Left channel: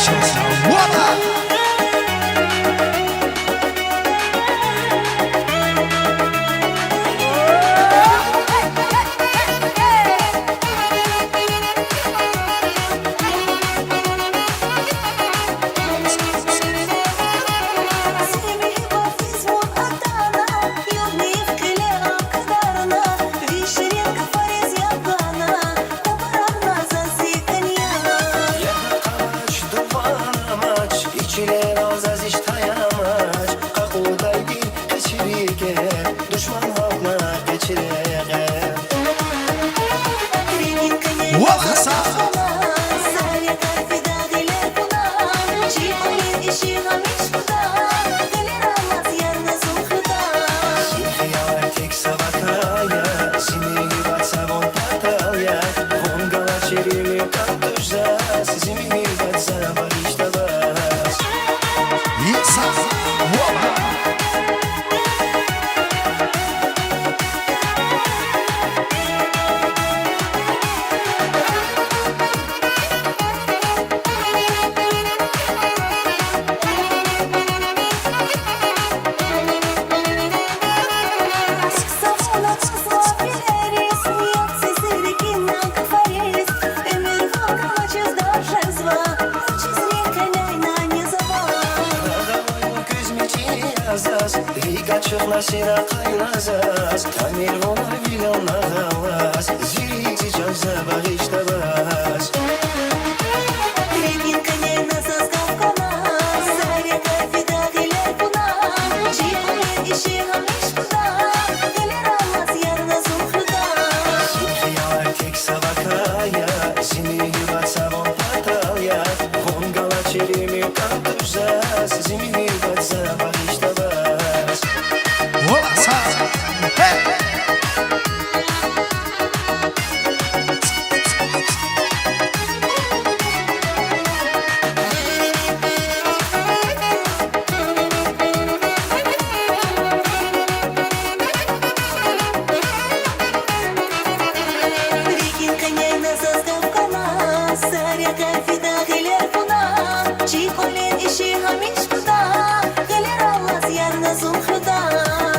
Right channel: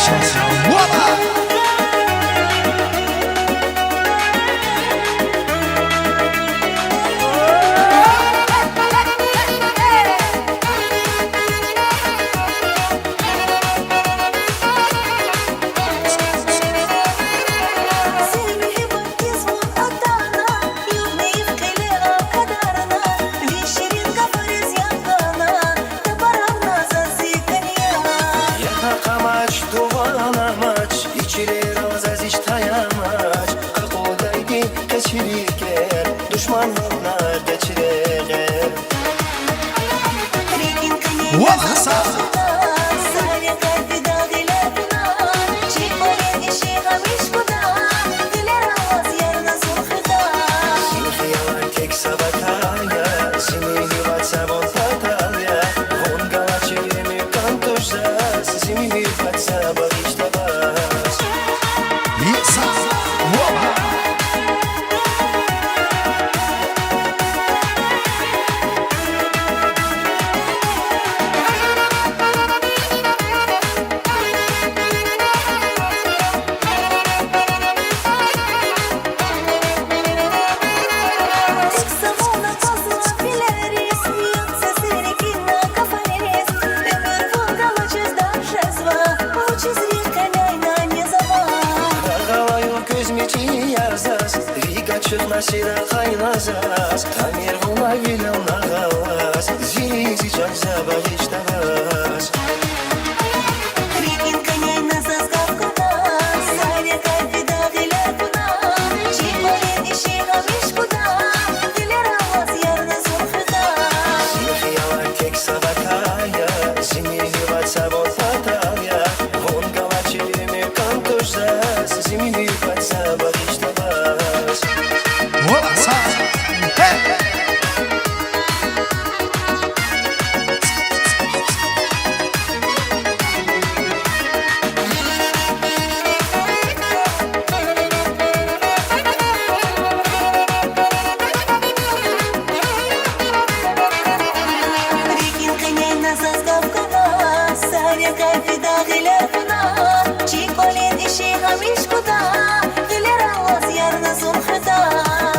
başlasın. Valla. Sira kaynazas Tamir ona vilon ağavas Zirizi can zabağış tabas Регин коней на соскав нас Заря кайфида гилер пуна Чиполин иши хамиш куда Гилер аллас ярна сулхуда Синхияла tek sabakaya Zimiri vatsavon patalya Von galachirimi kantuşsas Zimiri vatsavağış tabas Valla sağ. Hey. Регин коней на соскав нас Заря кайфида гилер пуна Чиполин иши хамиш куда Гилер аллас ярна сулхуда